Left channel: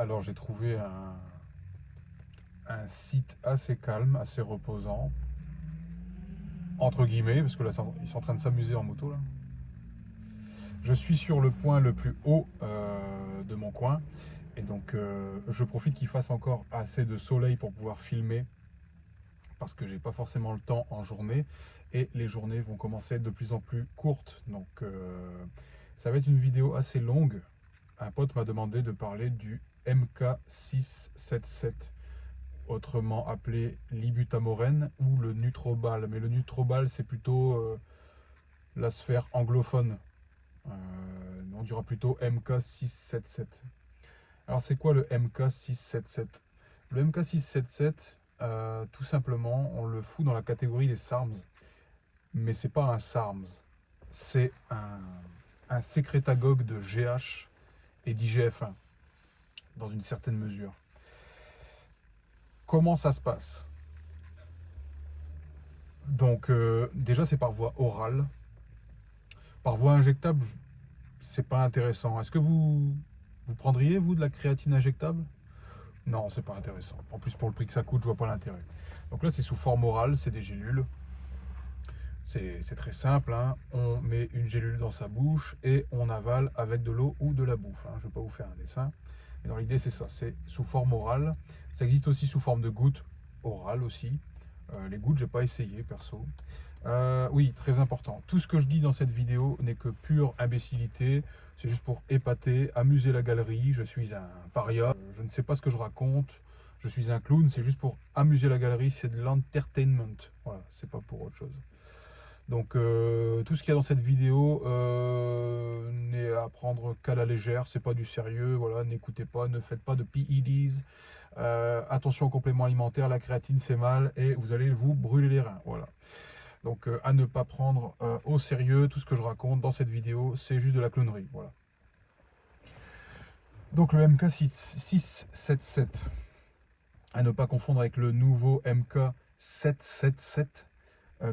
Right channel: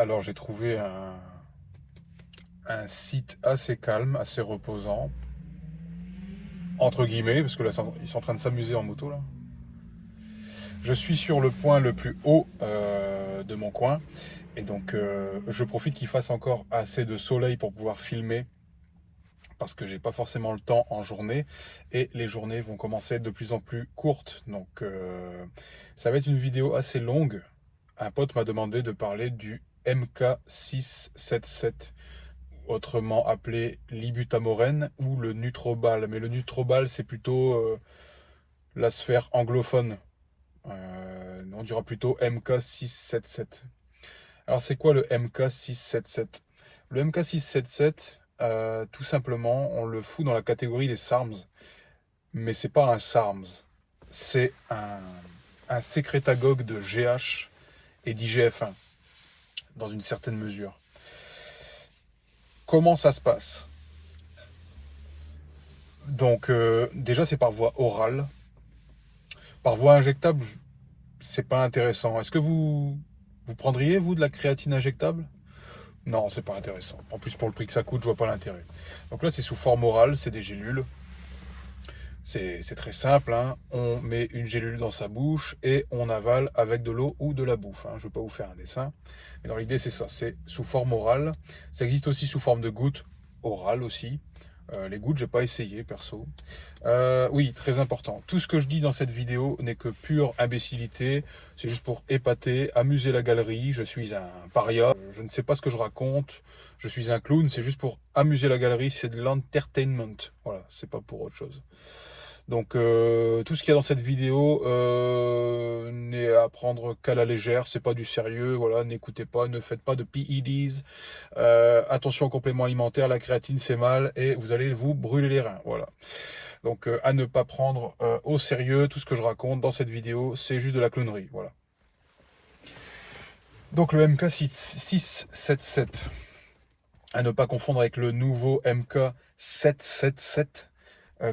Alors j'ai trouvé un site assez calme, assez reposant, entre guillemets, parce que là ils sont en train de s'amuser en moto là. Je suis sur le point le plus haut de mon coin, et donc je profite qu'il fasse encore assez de soleil pour pouvoir filmer, parce que j'ai pas forcément le temps en journée, et les journées vont commencer à être de plus en plus courtes. Donc ça va être une vidéo assez longue. Un pote m'a demandé de parler du MK677, autrement appelé l'ibutamoren ou le Nutrobal. Mais le Nutrobal, c'est plutôt la sphère anglophone. On dira plutôt MK677. Alors, c'est quoi le MK677? Le MK677, tout simplement, on le fout dans la catégorie des SARMs. Mais c'est pas un SARMs. C'est un sécrétagogue de GH et d'IGF-1, dans une certaine mesure. Comment ça se passe? Donc déjà c'est par voie orale. Par voie injectable, c'est pas intéressant. Est-ce que vous prendriez vous de la créatine injectable? Non, c'est pas intéressant. En plus pour le prix que ça coûte, je vois pas l'intérêt. Donc là c'est sous forme orale, c'est des gélules. C'est très simple, hein. On met une gélule dans sa bouche et on avale avec de l'eau ou de la bouffe, hein. Je ne vais pas vous faire un dessin, mais dans l'idée c'est ça, c'est sous forme orale. Ça existe aussi sous forme de gouttes orales aussi. Les gouttes, j'ai pas essayé perso. Oui, très important. Tout ce que je dis dans cette vidéo n'est que pure imbécilité. C'est juste pour épater, amuser la galerie. Je suis un paria. Je ne sais pas ce que je raconte. Je suis un clown. C'est juste pour amuser la galerie. C'est de l'entertainment. Voilà, c'est pas pour autre chose. Donc tout ce qu'il y a dans cette vidéo n'est à prendre qu'à la légère, c'est pas du sérieux, voilà, n'écoutez pas, ne faites pas de PEDs, attention aux compléments alimentaires, la créatine c'est mal et vous allez vous brûler les reins, voilà. Donc à ne pas prendre au sérieux, tout ce que je raconte dans cette vidéo, c'est juste de la clownerie, voilà. Donc le MK677, à ne pas confondre avec le nouveau MK777,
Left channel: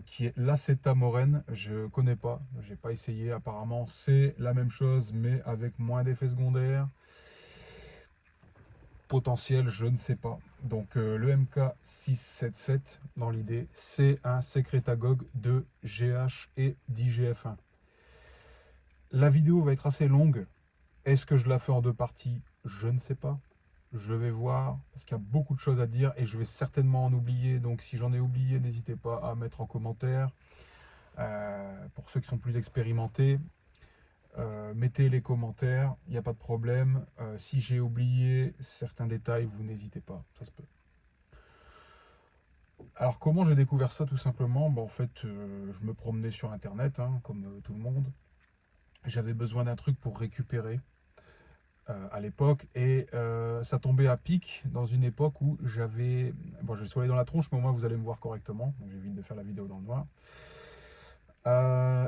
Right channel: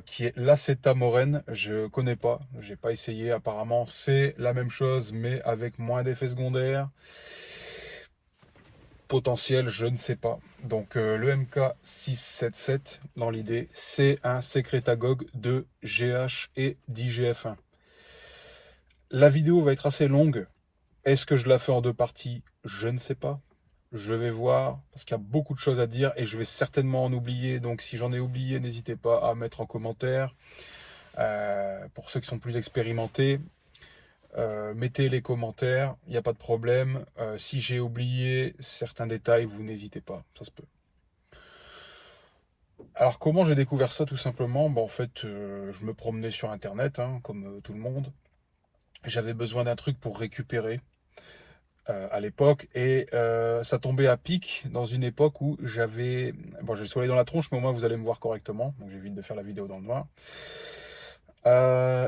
qui est l'acétamorène. Je connais pas, j'ai pas essayé. Apparemment, c'est la même chose, mais avec moins d'effets secondaires. Potentiel, je ne sais pas. Donc, le MK677, dans l'idée, c'est un sécrétagogue de GH et d'IGF-1. La vidéo va être assez longue. Est-ce que je la fais en deux parties? Je ne sais pas. Je vais voir, parce qu'il y a beaucoup de choses à dire et je vais certainement en oublier. Donc, si j'en ai oublié, n'hésitez pas à mettre en commentaire. Pour ceux qui sont plus expérimentés, mettez les commentaires, il n'y a pas de problème. Si j'ai oublié certains détails, vous n'hésitez pas, ça se peut. Alors comment j'ai découvert ça? Tout simplement, en fait, je me promenais sur internet, hein, comme tout le monde. J'avais besoin d'un truc pour récupérer à l'époque, et ça tombait à pic dans une époque où j'avais... Bon, j'ai le soleil dans la tronche, mais au moins vous allez me voir correctement, donc j'évite de faire la vidéo dans le noir.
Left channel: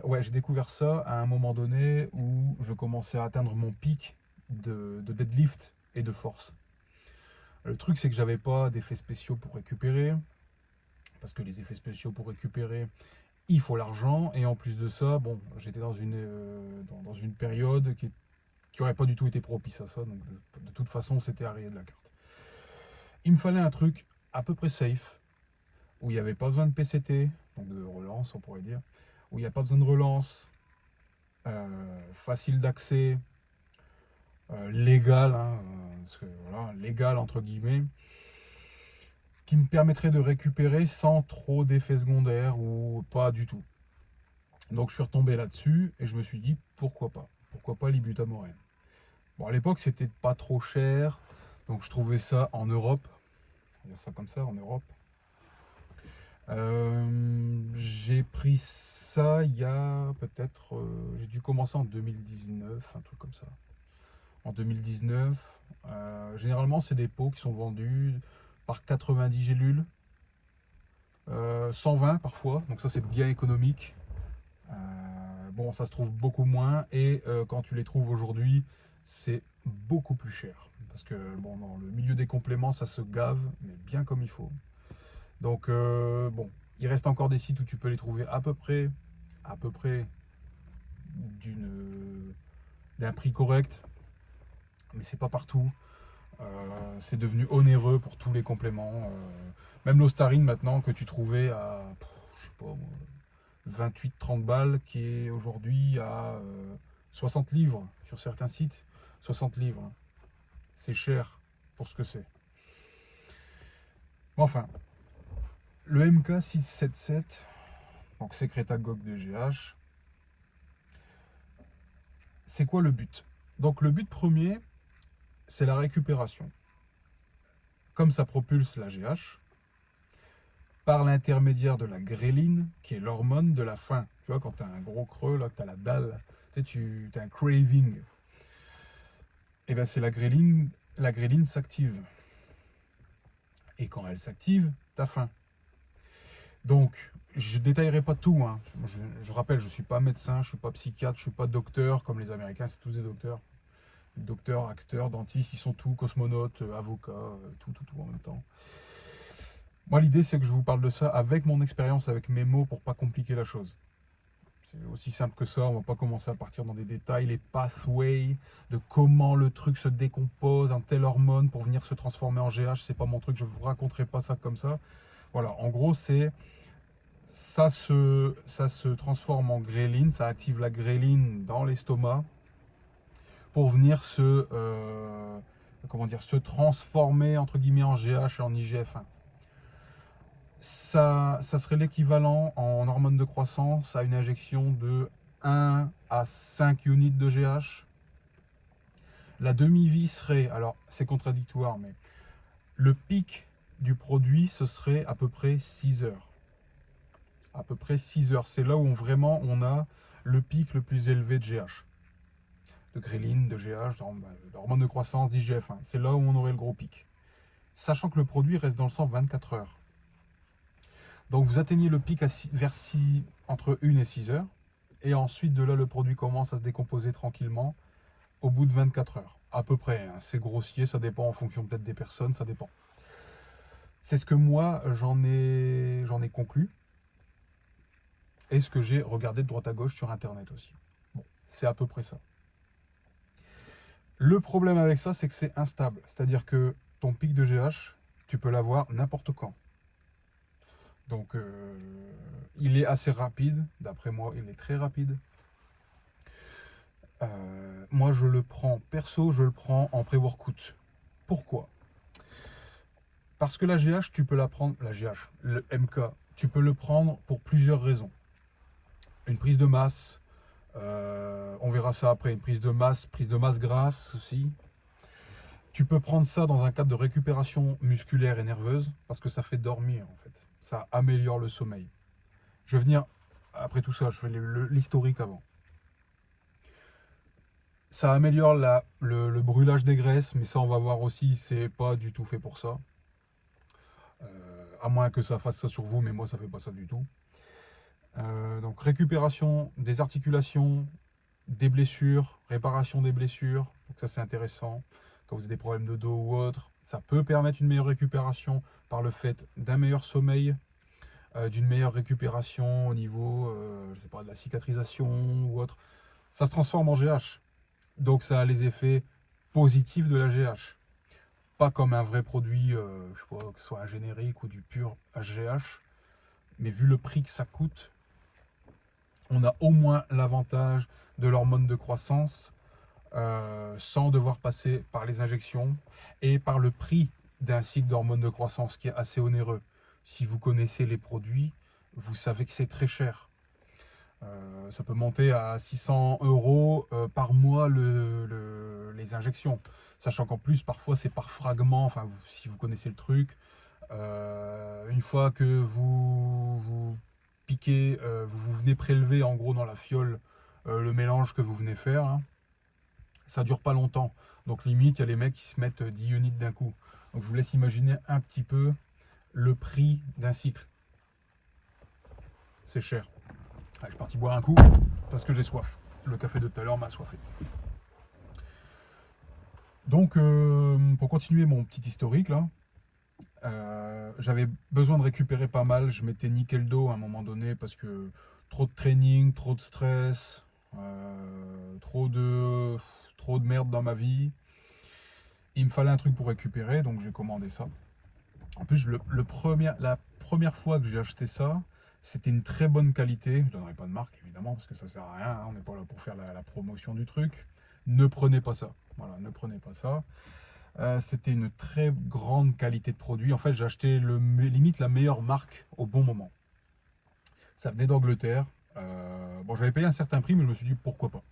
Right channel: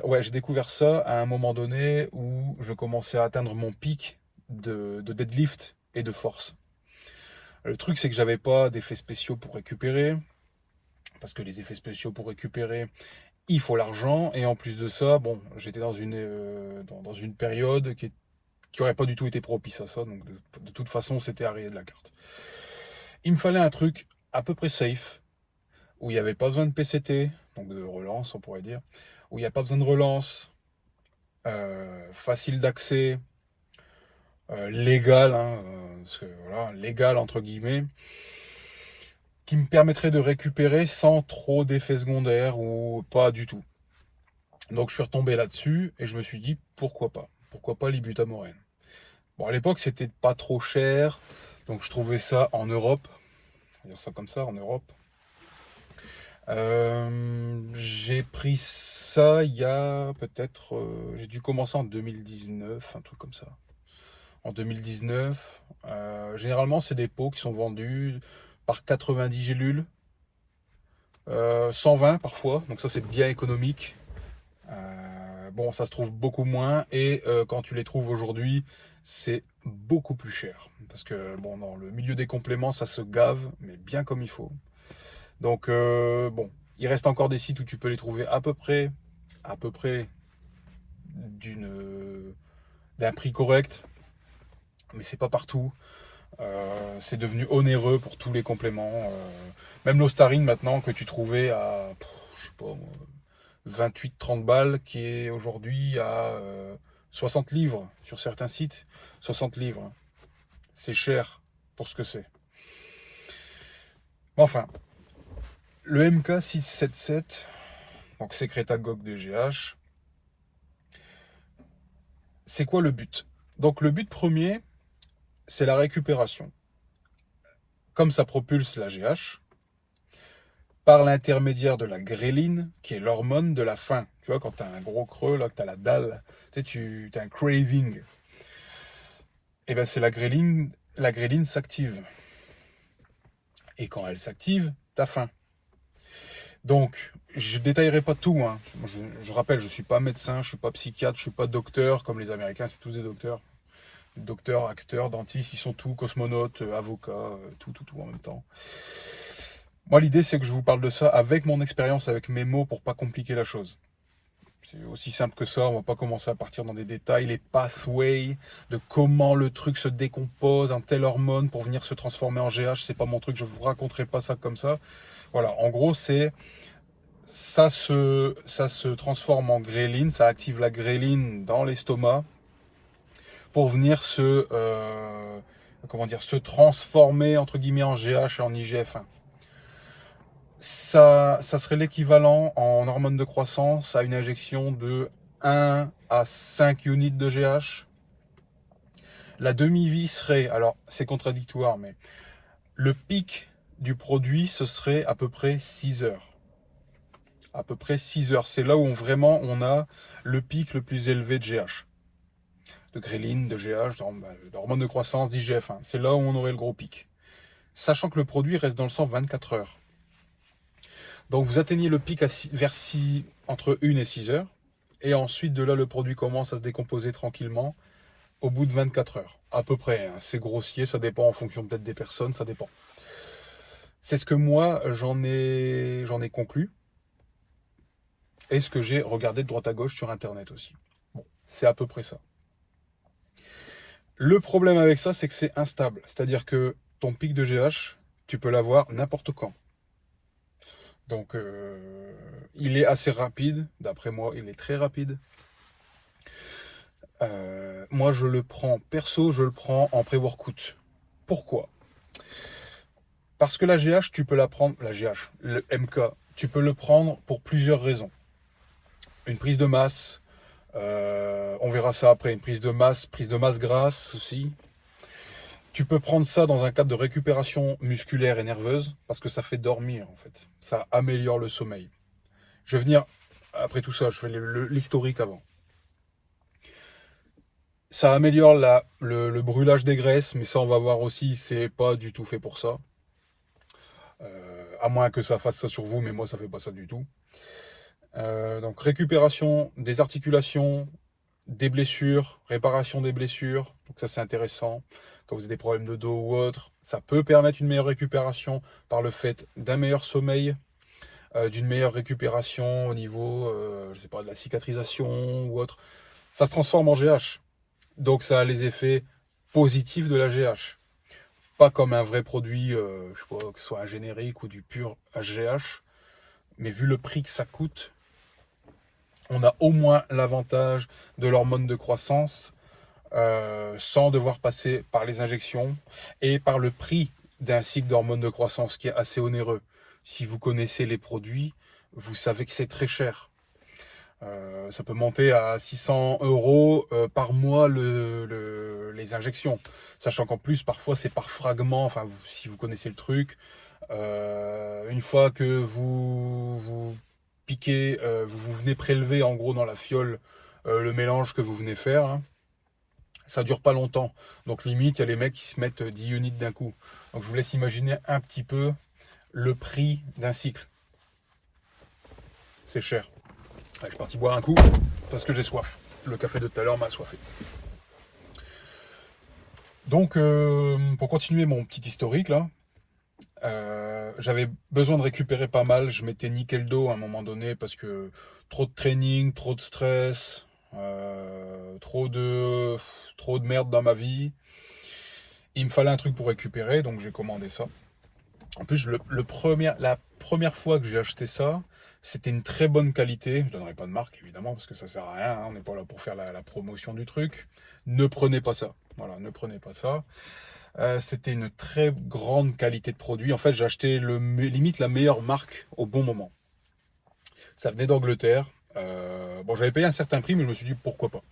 Ouais, j'ai découvert ça à un moment donné où je commençais à atteindre mon pic de deadlift et de force. Le truc, c'est que j'avais pas d'effets spéciaux pour récupérer, parce que les effets spéciaux pour récupérer, il faut l'argent, et en plus de ça, bon, j'étais dans une période qui aurait pas du tout été propice à ça, donc de toute façon, c'était à rayer de la carte. Il me fallait un truc à peu près safe, où il n'y avait pas besoin de PCT, donc de relance, on pourrait dire, où il n'y a pas besoin de relance, facile d'accès, légal, hein, voilà, légal entre guillemets, qui me permettrait de récupérer sans trop d'effets secondaires ou pas du tout. Donc je suis retombé là-dessus et je me suis dit pourquoi pas l'ibutamoren. Bon, à l'époque c'était pas trop cher, donc je trouvais ça en Europe, on va dire ça comme ça, en Europe. J'ai pris ça il y a peut-être, j'ai dû commencer en 2019, un truc comme ça. En 2019. Généralement, c'est des pots qui sont vendus par 90 gélules, 120 parfois, donc ça c'est bien économique. Bon, ça se trouve beaucoup moins et quand tu les trouves aujourd'hui, c'est beaucoup plus cher. Parce que bon, dans le milieu des compléments, ça se gave, mais bien comme il faut. Donc bon, il reste encore des sites où tu peux les trouver à peu près d'un prix correct, mais c'est pas partout. C'est devenu onéreux pour tous les compléments. Même l'Ostarine maintenant que tu trouvais à, je sais pas, 28-30 balles, qui est aujourd'hui à 60 livres sur certains sites. 60 livres, hein. C'est cher pour ce que c'est. Enfin, le MK677, donc sécrétagogue de GH, c'est quoi le but? Donc le but premier, c'est la récupération. Comme ça propulse la GH, par l'intermédiaire de la gréline, qui est l'hormone de la faim. Tu vois, quand tu as un gros creux, là, que tu as la dalle, tu as un craving. Et bien c'est la gréline s'active. Et quand elle s'active, tu as faim. Donc, je ne détaillerai pas tout, hein. Je rappelle, je ne suis pas médecin, je ne suis pas psychiatre, je ne suis pas docteur, comme les Américains, c'est tous des docteurs. Docteurs, acteurs, dentistes, ils sont tous cosmonautes, avocats, tout en même temps. Moi, l'idée, c'est que je vous parle de ça avec mon expérience, avec mes mots, pour pas compliquer la chose. C'est aussi simple que ça, on va pas commencer à partir dans des détails, les pathways, de comment le truc se décompose, un tel hormone pour venir se transformer en GH, c'est pas mon truc, je vous raconterai pas ça comme ça. Voilà, en gros, c'est ça se transforme en gréline, ça active la gréline dans l'estomac pour venir se transformer entre guillemets en GH et en IGF-1. Ça serait l'équivalent en hormones de croissance à une injection de 1 à 5 units de GH. La demi-vie serait, alors c'est contradictoire, mais le pic du produit, ce serait à peu près 6 heures. À peu près 6 heures. C'est là où vraiment on a le pic le plus élevé de GH. De gréline, de GH, d'hormones de croissance, d'IGF-1. C'est là où on aurait le gros pic. Sachant que le produit reste dans le sang 24 heures. Donc vous atteignez le pic entre 1 et 6 heures. Et ensuite de là, le produit commence à se décomposer tranquillement au bout de 24 heures. À peu près, hein. C'est grossier, ça dépend en fonction peut-être des personnes, ça dépend. C'est ce que moi, j'en ai conclu. Et ce que j'ai regardé de droite à gauche sur Internet aussi. Bon, c'est à peu près ça. Le problème avec ça, c'est que c'est instable. C'est-à-dire que ton pic de GH, tu peux l'avoir n'importe quand. Donc, il est assez rapide. D'après moi, il est très rapide. Moi, je le prends en pré-workout. Pourquoi? Parce que la GH, tu peux la prendre, le MK, tu peux le prendre pour plusieurs raisons. Une prise de masse, on verra ça après, une prise de masse grasse aussi. Tu peux prendre ça dans un cadre de récupération musculaire et nerveuse, parce que ça fait dormir en fait. Ça améliore le sommeil. Je vais venir, après tout ça, je fais l'historique avant. Ça améliore le brûlage des graisses, mais ça on va voir aussi, c'est pas du tout fait pour ça. À moins que ça fasse ça sur vous, mais moi ça fait pas ça du tout. Donc récupération des articulations, des blessures, réparation des blessures, donc ça c'est intéressant. Quand vous avez des problèmes de dos ou autre, ça peut permettre une meilleure récupération par le fait d'un meilleur sommeil, d'une meilleure récupération au niveau, je sais pas, de la cicatrisation ou autre. Ça se transforme en GH, donc ça a les effets positifs de la GH. Pas comme un vrai produit, je sais pas, que ce soit un générique ou du pur HGH, mais vu le prix que ça coûte, on a au moins l'avantage de l'hormone de croissance sans devoir passer par les injections et par le prix d'un cycle d'hormones de croissance qui est assez onéreux. Si vous connaissez les produits, vous savez que c'est très cher. Ça peut monter à 600 € par mois les injections. Sachant qu'en plus, parfois, c'est par fragment. Enfin, si vous connaissez le truc, une fois que vous piquez, vous venez prélever en gros dans la fiole le mélange que vous venez faire, hein, ça dure pas longtemps. Donc limite, il y a les mecs qui se mettent 10 units d'un coup. Donc je vous laisse imaginer un petit peu le prix d'un cycle. C'est cher. Allez, je suis parti boire un coup parce que j'ai soif. Le café de tout à l'heure m'a assoiffé. Donc, pour continuer mon petit historique là, j'avais besoin de récupérer pas mal. Je m'étais niqué le dos à un moment donné parce que trop de training, trop de stress, trop de merde dans ma vie. Il me fallait un truc pour récupérer, donc j'ai commandé ça. En plus, la première fois que j'ai acheté ça, c'était une très bonne qualité. Je ne donnerai pas de marque, évidemment, parce que ça sert à rien, hein. On n'est pas là pour faire la promotion du truc. Ne prenez pas ça. Voilà, ne prenez pas ça. C'était une très grande qualité de produit. En fait, j'ai acheté limite la meilleure marque au bon moment. Ça venait d'Angleterre. Bon, j'avais payé un certain prix, mais je me suis dit pourquoi pas.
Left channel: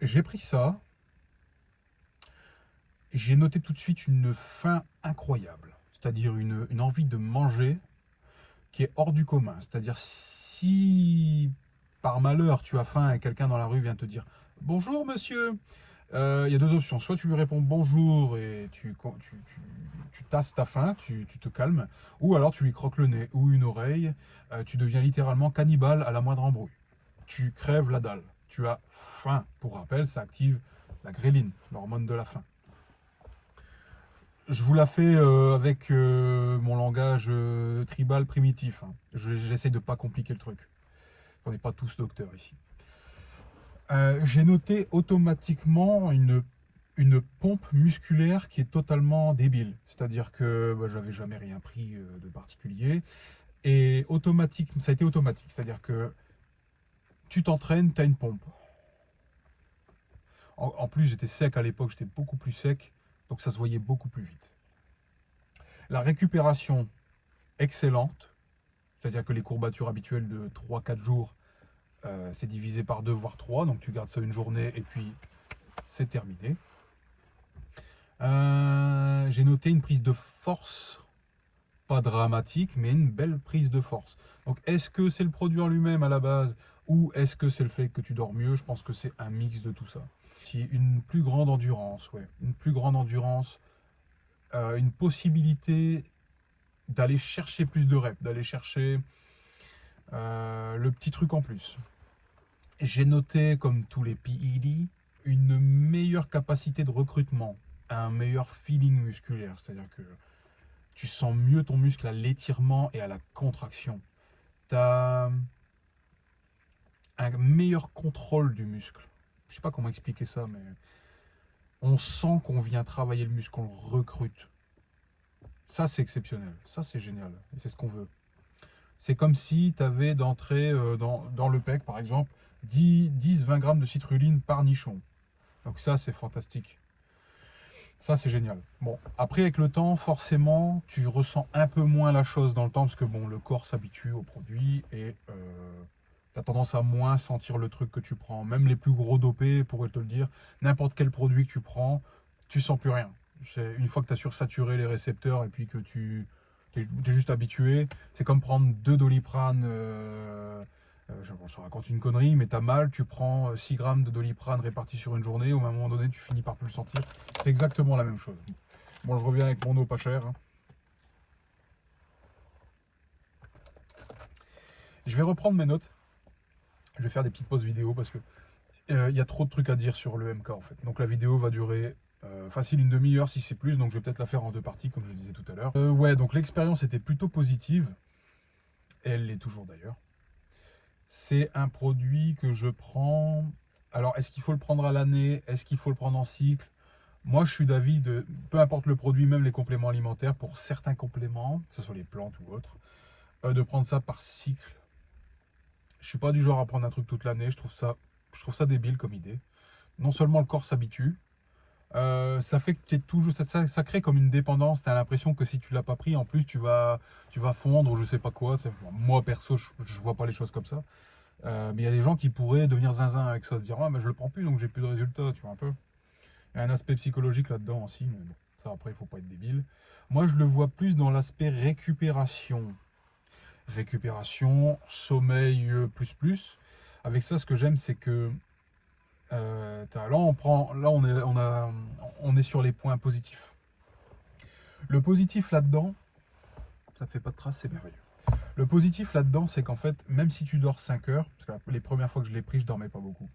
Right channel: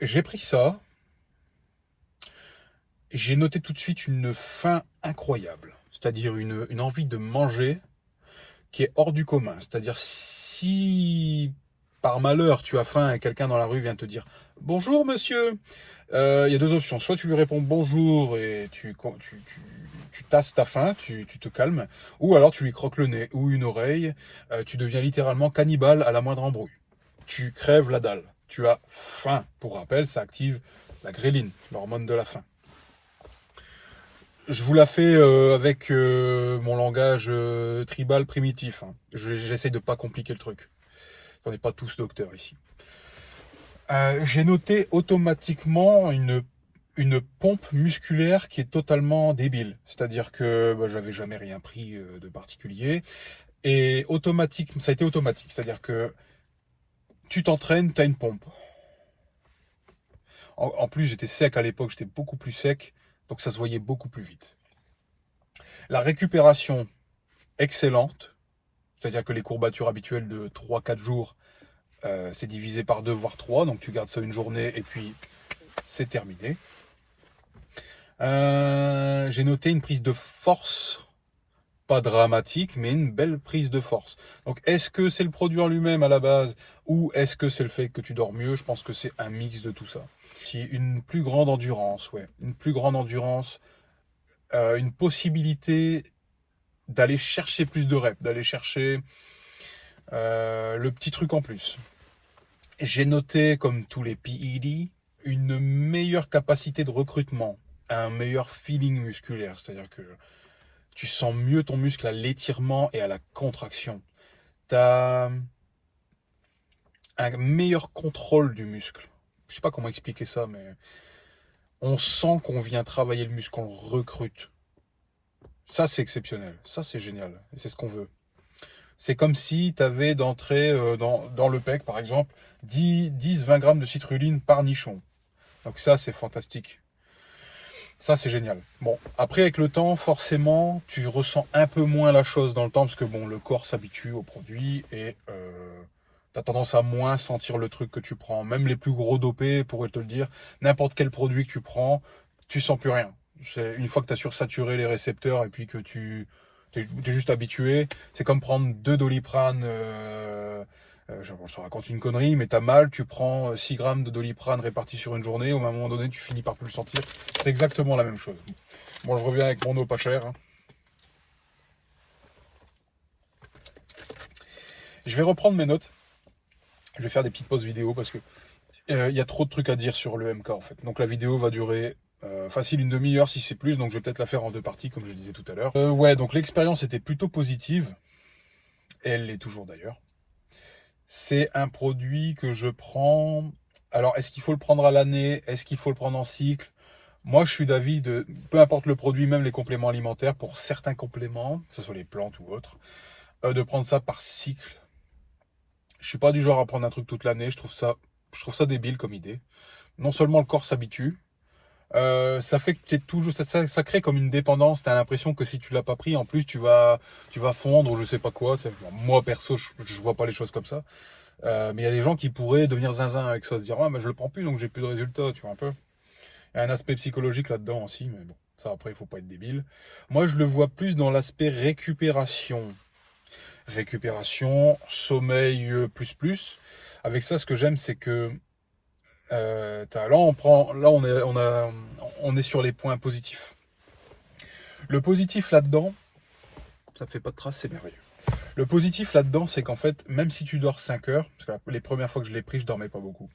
J'ai pris ça. J'ai noté tout de suite une faim incroyable. C'est-à-dire une envie de manger qui est hors du commun. C'est-à-dire si par malheur tu as faim et quelqu'un dans la rue vient te dire bonjour monsieur, il y a deux options. Soit tu lui réponds bonjour et tu tasses ta faim, tu te calmes, ou alors tu lui croques le nez ou une oreille, tu deviens littéralement cannibale à la moindre embrouille. Tu crèves la dalle. Tu as faim. Pour rappel, ça active la gréline, l'hormone de la faim. Je vous la fais avec mon langage tribal primitif, hein. J'essaie de pas compliquer le truc. On n'est pas tous docteurs ici. J'ai noté automatiquement une pompe musculaire qui est totalement débile. C'est-à-dire que j'avais jamais rien pris de particulier. Et ça a été automatique. C'est-à-dire que tu t'entraînes, tu as une pompe. En plus, j'étais sec à l'époque, j'étais beaucoup plus sec. Donc ça se voyait beaucoup plus vite. La récupération, excellente. C'est-à-dire que les courbatures habituelles de 3-4 jours, c'est divisé par 2 voire 3. Donc tu gardes ça une journée et puis c'est terminé. J'ai noté une prise de force, pas dramatique, mais une belle prise de force. Donc est-ce que c'est le produit en lui-même à la base ou est-ce que c'est le fait que tu dors mieux? Je pense que c'est un mix de tout ça. Une plus grande endurance, ouais. Une plus grande endurance, une possibilité d'aller chercher plus de reps, d'aller chercher le petit truc en plus. J'ai noté, comme tous les PED, une meilleure capacité de recrutement, un meilleur feeling musculaire, c'est-à-dire que tu sens mieux ton muscle à l'étirement et à la contraction. Tu as un meilleur contrôle du muscle. Je sais pas comment expliquer ça, mais on sent qu'on vient travailler le muscle, qu'on le recrute. Ça, c'est exceptionnel. Ça, c'est génial. Et c'est ce qu'on veut. C'est comme si tu avais d'entrée dans le pec, par exemple, 10-20 grammes de citrulline par nichon. Donc ça, c'est fantastique. Ça, c'est génial. Bon, après, avec le temps, forcément, tu ressens un peu moins la chose dans le temps, parce que bon, le corps s'habitue au produit et tu as tendance à moins sentir le truc que tu prends. Même les plus gros dopés pourraient te le dire. N'importe quel produit que tu prends, tu sens plus rien. Une fois que tu as sursaturé les récepteurs et puis que tu es juste habitué, c'est comme prendre 2 Doliprane. Je te raconte une connerie, mais t'as mal, tu prends 6 grammes de Doliprane répartis sur une journée, au moment donné, tu finis par plus le sentir. C'est exactement la même chose. Bon, je reviens avec mon eau pas chère, hein. Je vais reprendre mes notes. Je vais faire des petites pauses vidéo parce que il y a trop de trucs à dire sur le MK en fait. Donc la vidéo va durer facile une demi-heure si c'est plus, donc je vais peut-être la faire en 2 parties comme je disais tout à l'heure. Ouais, donc l'expérience était plutôt positive. Et elle l'est toujours d'ailleurs. C'est un produit que je prends. Alors, est-ce qu'il faut le prendre à l'année? Est-ce qu'il faut le prendre en cycle? Moi, je suis d'avis de, peu importe le produit, même les compléments alimentaires, pour certains compléments, que ce soit les plantes ou autres, de prendre ça par cycle. Je suis pas du genre à prendre un truc toute l'année. Je trouve ça débile comme idée. Non seulement le corps s'habitue, ça fait que tu es toujours, ça crée comme une dépendance. Tu as l'impression que si tu l'as pas pris, en plus tu vas fondre ou je sais pas quoi. Moi perso, je vois pas les choses comme ça. Mais il y a des gens qui pourraient devenir zinzin avec ça, se dire ah mais je le prends plus donc j'ai plus de résultats, tu vois un peu. Il y a un aspect psychologique là-dedans aussi, mais bon, ça après il faut pas être débile. Moi je le vois plus dans l'aspect récupération. Récupération, sommeil plus. Avec ça, ce que j'aime, c'est que on est sur les points positifs. Le positif là-dedans, ça fait pas de traces, c'est merveilleux. Le positif là-dedans, c'est qu'en fait, même si tu dors 5 heures, parce que les premières fois que je l'ai pris, je dormais pas beaucoup.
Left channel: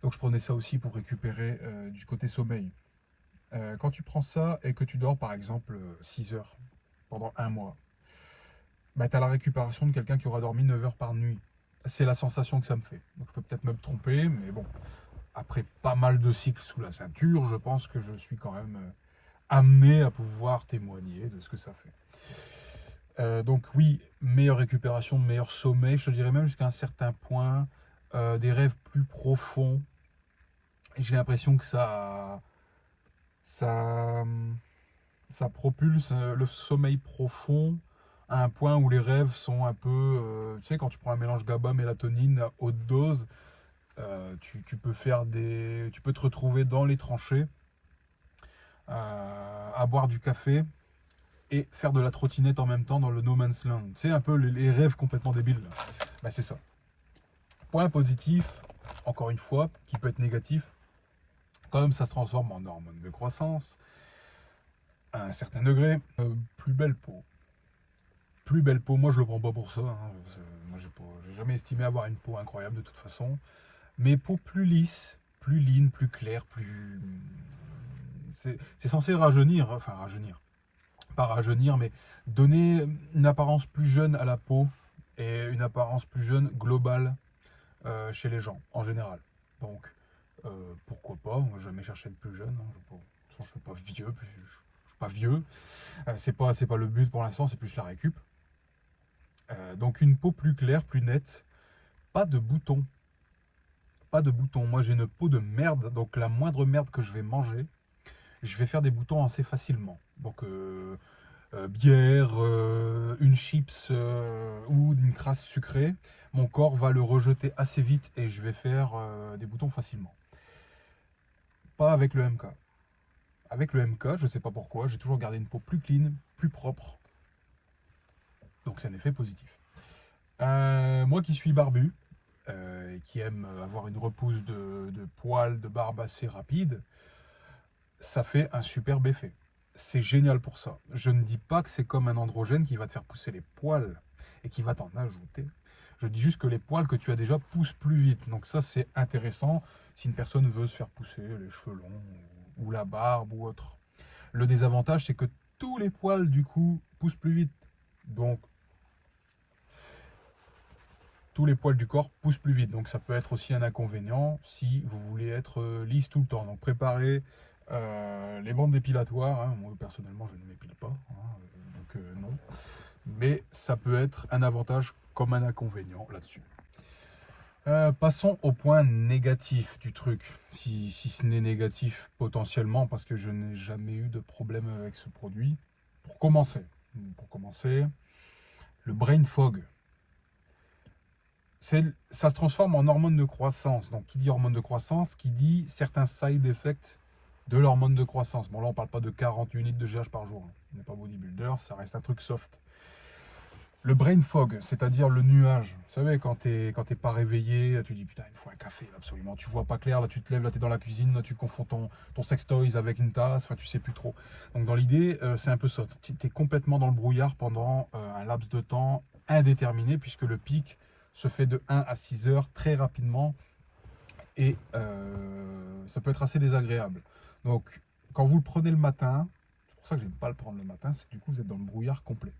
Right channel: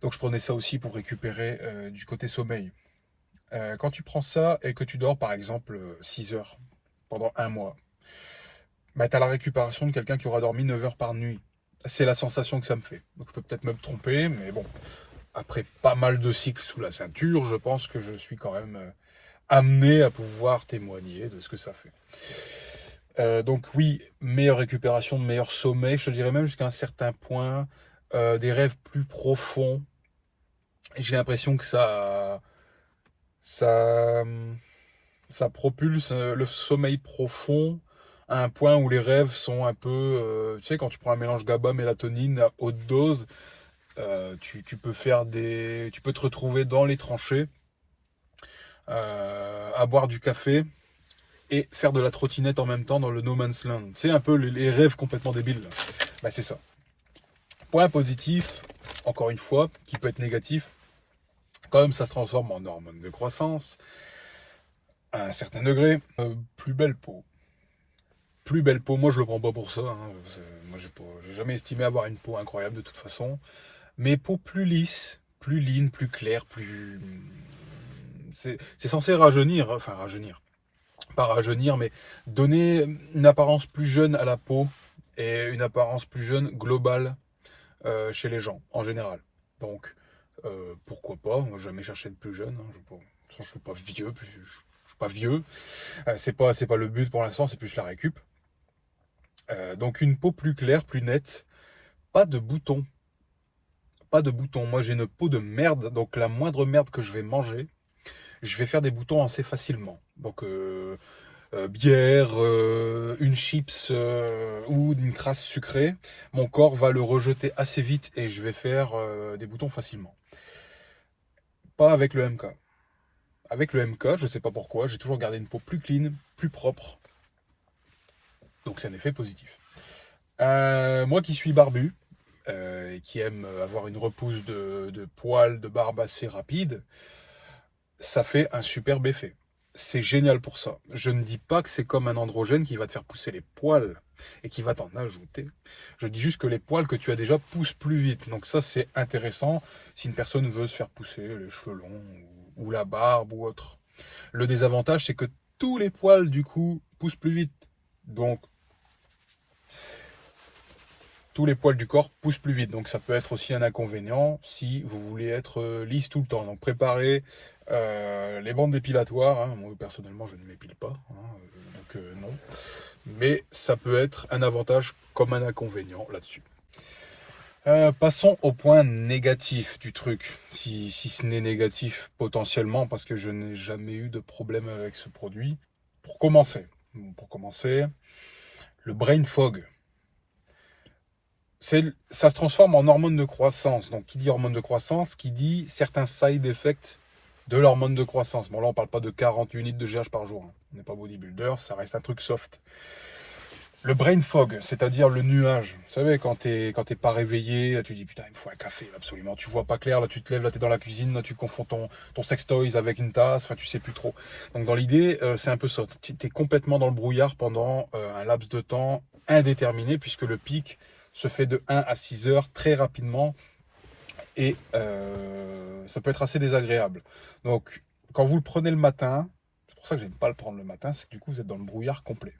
Donc je prenais ça aussi pour récupérer du côté sommeil. Quand tu prends ça et que tu dors par exemple 6 heures pendant un mois, bah, tu as la récupération de quelqu'un qui aura dormi 9 heures par nuit. C'est la sensation que ça me fait. Donc je peux peut-être me tromper, mais bon. après pas mal de cycles sous la ceinture, je pense que je suis quand même amené à pouvoir témoigner de ce que ça fait. Donc oui, meilleure récupération, meilleur sommeil, je te dirais même jusqu'à un certain point, des rêves plus profonds. J'ai l'impression que ça, ça propulse le sommeil profond à un point où les rêves sont un peu, tu sais, quand tu prends un mélange GABA, mélatonine à haute dose, tu peux tu peux te retrouver dans les tranchées, à boire du café et faire de la trottinette en même temps dans le no man's land. Tu sais, un peu les rêves complètement débiles, là. Bah, c'est ça. Point positif, encore une fois, qui peut être négatif, quand même ça se transforme en hormone de croissance à un certain degré. Plus belle peau. Plus belle peau, moi je le prends pas pour ça, hein. Moi j'ai jamais estimé avoir une peau incroyable de toute façon. Mais peau plus lisse, plus line, plus claire, plus... C'est censé rajeunir, enfin rajeunir. Pas rajeunir, mais donner une apparence plus jeune à la peau et une apparence plus jeune globale chez les gens en général. Donc pourquoi pas, moi j'ai jamais cherché de plus jeune, hein. Je suis pas vieux, je suis pas vieux. C'est pas le but pour l'instant, c'est plus la récup. Donc une peau plus claire, plus nette, pas de boutons. Pas de boutons. Moi j'ai une peau de merde, donc la moindre merde que je vais manger, je vais faire des boutons assez facilement. Donc bière, une chips ou une crasse sucrée, mon corps va le rejeter assez vite et je vais faire des boutons facilement. Pas avec le MK. Avec le MK, je ne sais pas pourquoi, j'ai toujours gardé une peau plus clean, plus propre. Donc c'est un effet positif. Moi qui suis barbu, et qui aime avoir une repousse de poils, de barbe assez rapide, ça fait un superbe effet. C'est génial pour ça. Je ne dis pas que c'est comme un androgène qui va te faire pousser les poils et qui va t'en ajouter. Je dis juste que les poils que tu as déjà poussent plus vite. Donc ça, c'est intéressant si une personne veut se faire pousser les cheveux longs ou la barbe ou autre. Le désavantage, c'est que tous les poils, du coup, poussent plus vite. Donc, tous les poils du corps poussent plus vite. Donc ça peut être aussi un inconvénient si vous voulez être lisse tout le temps. Donc préparez les bandes dépilatoires. Hein. Moi personnellement je ne m'épile pas, hein, donc non. Mais ça peut être un avantage comme un inconvénient là-dessus. Passons au point négatif du truc, si ce n'est négatif potentiellement, parce que je n'ai jamais eu de problème avec ce produit. Pour commencer, le brain fog. Ça se transforme en hormone de croissance. Donc, qui dit hormone de croissance, qui dit certains side effects de l'hormone de croissance. Bon, là, on parle pas de 40 unités de GH par jour, hein. On n'est pas bodybuilder, ça reste un truc soft. Le brain fog, c'est-à-dire le nuage. Vous savez, quand t'es pas réveillé, tu dis putain, il me faut un café, là, absolument. Tu vois pas clair, là, tu te lèves, là, t'es dans la cuisine, là, tu confonds ton sextoys avec une tasse, enfin, tu sais plus trop. Donc, dans l'idée, c'est un peu ça. T'es complètement dans le brouillard pendant un laps de temps indéterminé, puisque le pic se fait de 1 à 6 heures très rapidement et ça peut être assez désagréable. Donc, quand vous le prenez le matin, c'est pour ça que j'aime pas le prendre le matin, c'est que du coup, vous êtes dans le brouillard complet.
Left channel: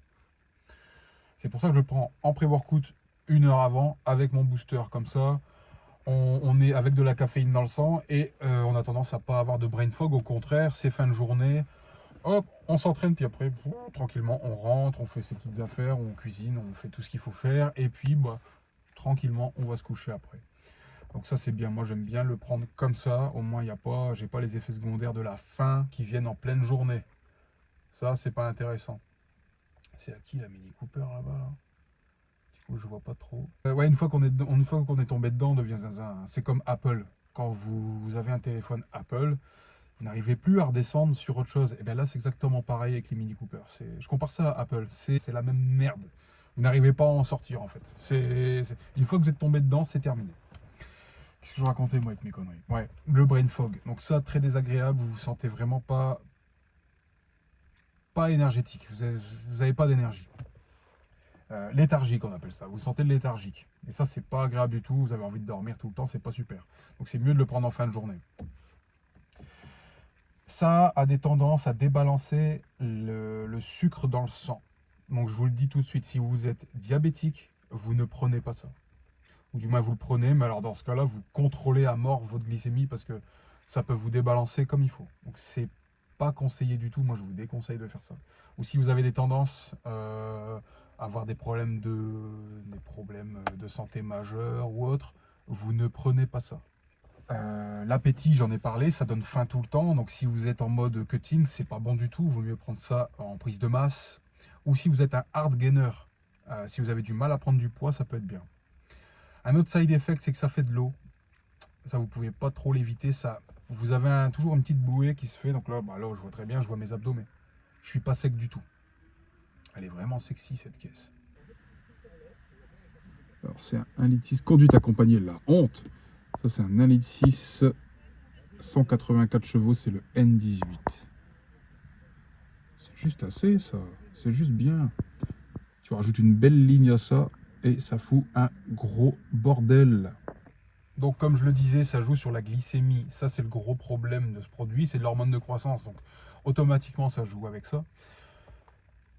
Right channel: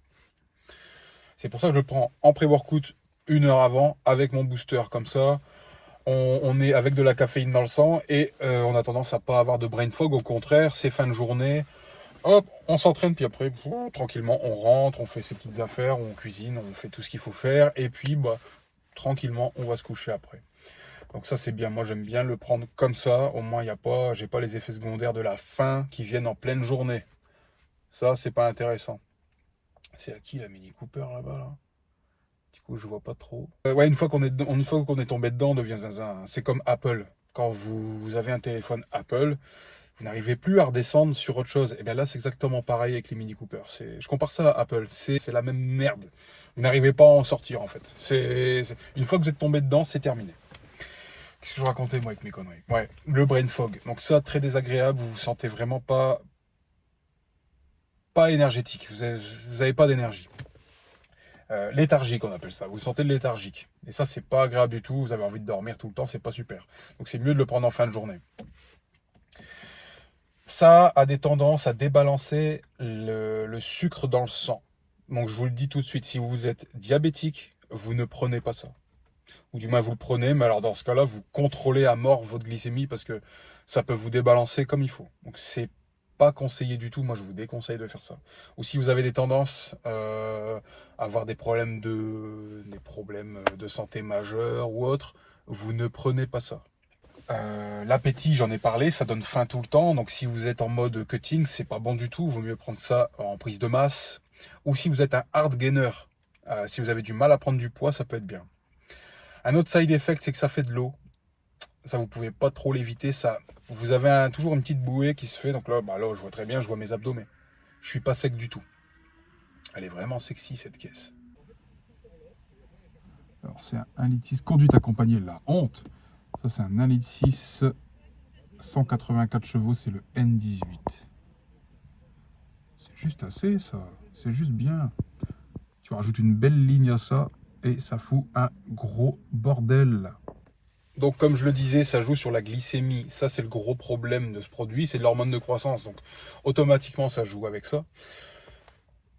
C'est pour ça que je le prends en pré-workout 1 heure avant avec mon booster. Comme ça, on est avec de la caféine dans le sang et on a tendance à pas avoir de brain fog. Au contraire, c'est fin de journée. Hop, on s'entraîne, puis après, tranquillement, on rentre, on fait ses petites affaires, on cuisine, on fait tout ce qu'il faut faire. Et puis, bah, tranquillement, on va se coucher après. Donc ça, c'est bien. Moi, j'aime bien le prendre comme ça. Au moins, j'ai pas les effets secondaires de la faim qui viennent en pleine journée. Ça, c'est pas intéressant. C'est à qui la Mini Cooper là-bas là? Du coup, je vois pas trop. Ouais, une fois qu'on est tombé dedans, on devient zinzin. C'est comme Apple. Quand vous avez un téléphone Apple, vous n'arrivez plus à redescendre sur autre chose. Et bien là, c'est exactement pareil avec les Mini Cooper. Je compare ça à Apple. C'est la même merde. Vous n'arrivez pas à en sortir en fait. Une fois que vous êtes tombé dedans, c'est terminé. Qu'est-ce que je racontais moi avec mes conneries? Ouais, le brain fog. Donc ça, très désagréable. Vous vous sentez vraiment pas énergétique. Vous avez pas d'énergie. Léthargique, on appelle ça. Vous vous sentez léthargique. Et ça, c'est pas agréable du tout. Vous avez envie de dormir tout le temps. C'est pas super. Donc c'est mieux de le prendre en fin de journée. Ça a des tendances à débalancer le sucre dans le sang. Donc je vous le dis tout de suite, si vous êtes diabétique, vous ne prenez pas ça. ou du moins vous le prenez, mais alors dans ce cas-là, vous contrôlez à mort votre glycémie parce que ça peut vous débalancer comme il faut. Donc c'est pas conseillé du tout, moi je vous déconseille de faire ça. Ou si vous avez des tendances à avoir des problèmes de santé majeurs ou autres, vous ne prenez pas ça. L'appétit, j'en ai parlé, ça donne faim tout le temps. Donc si vous êtes en mode cutting, c'est pas bon du tout. Vaut mieux prendre ça en prise de masse. Ou si vous êtes un hard gainer, si vous avez du mal à prendre du poids, ça peut être bien. Un autre side effect, c'est que ça fait de l'eau. Ça, vous pouvez pas trop l'éviter. Ça, vous avez toujours une petite bouée qui se fait. Donc là, là, je vois très bien, je vois mes abdos, mais je suis pas sec du tout. Elle est vraiment sexy cette caisse. Alors c'est un 1,6 litre conduite accompagnée, la honte. Ça c'est un 1,6 litre 184 chevaux, c'est le N18. C'est juste assez ça, c'est juste bien. Tu rajoutes une belle ligne à ça et ça fout un gros bordel. Donc comme je le disais, ça joue sur la glycémie. Ça c'est le gros problème de ce produit, c'est de l'hormone de croissance. Donc automatiquement ça joue avec ça.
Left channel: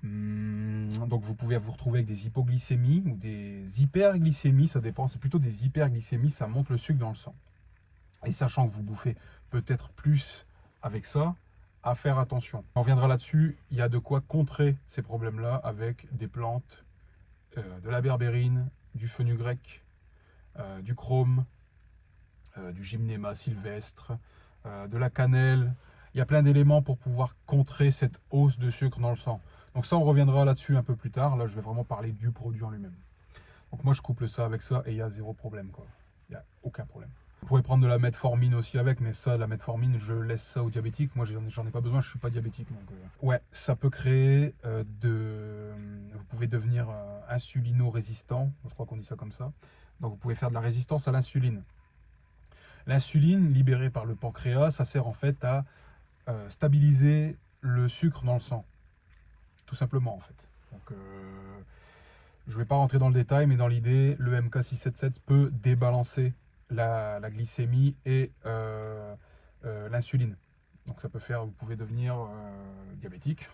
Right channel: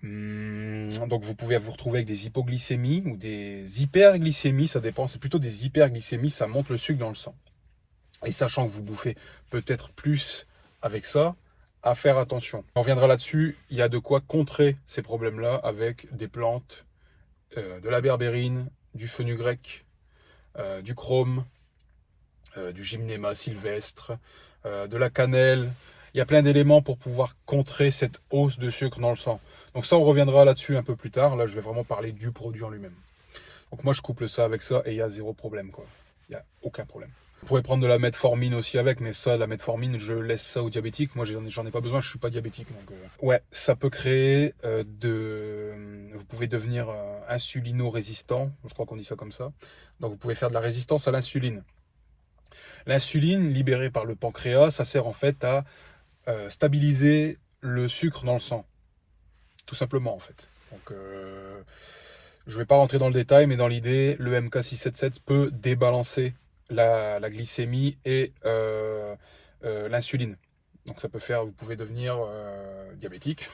Donc vous pouvez vous retrouver avec des hypoglycémies ou des hyperglycémies, ça dépend. C'est plutôt des hyperglycémies, ça monte le sucre dans le sang. Et sachant que vous bouffez peut-être plus avec ça, à faire attention. On reviendra là-dessus, il y a de quoi contrer ces problèmes-là avec des plantes, de la berbérine, du fenugrec, du chrome, du gymnéma sylvestre, de la cannelle. Il y a plein d'éléments pour pouvoir contrer cette hausse de sucre dans le sang. Donc ça, on reviendra là-dessus un peu plus tard. Là, je vais vraiment parler du produit en lui-même. Donc moi, je couple ça avec ça et il y a zéro problème, quoi. Il n'y a aucun problème. Vous pourrez prendre de la metformine aussi avec, mais ça, la metformine, je laisse ça aux diabétiques. Moi, j'en ai pas besoin, je suis pas diabétique. Donc, ouais, ça peut créer vous pouvez devenir insulino-résistant. Je crois qu'on dit ça comme ça. Donc, vous pouvez faire de la résistance à l'insuline. L'insuline, libérée par le pancréas, ça sert en fait à stabiliser le sucre dans le sang. Tout simplement, en fait. Donc, je ne vais pas rentrer dans le détail, mais dans l'idée, le MK677 peut débalancer la glycémie et l'insuline. Donc ça peut faire, vous pouvez devenir diabétique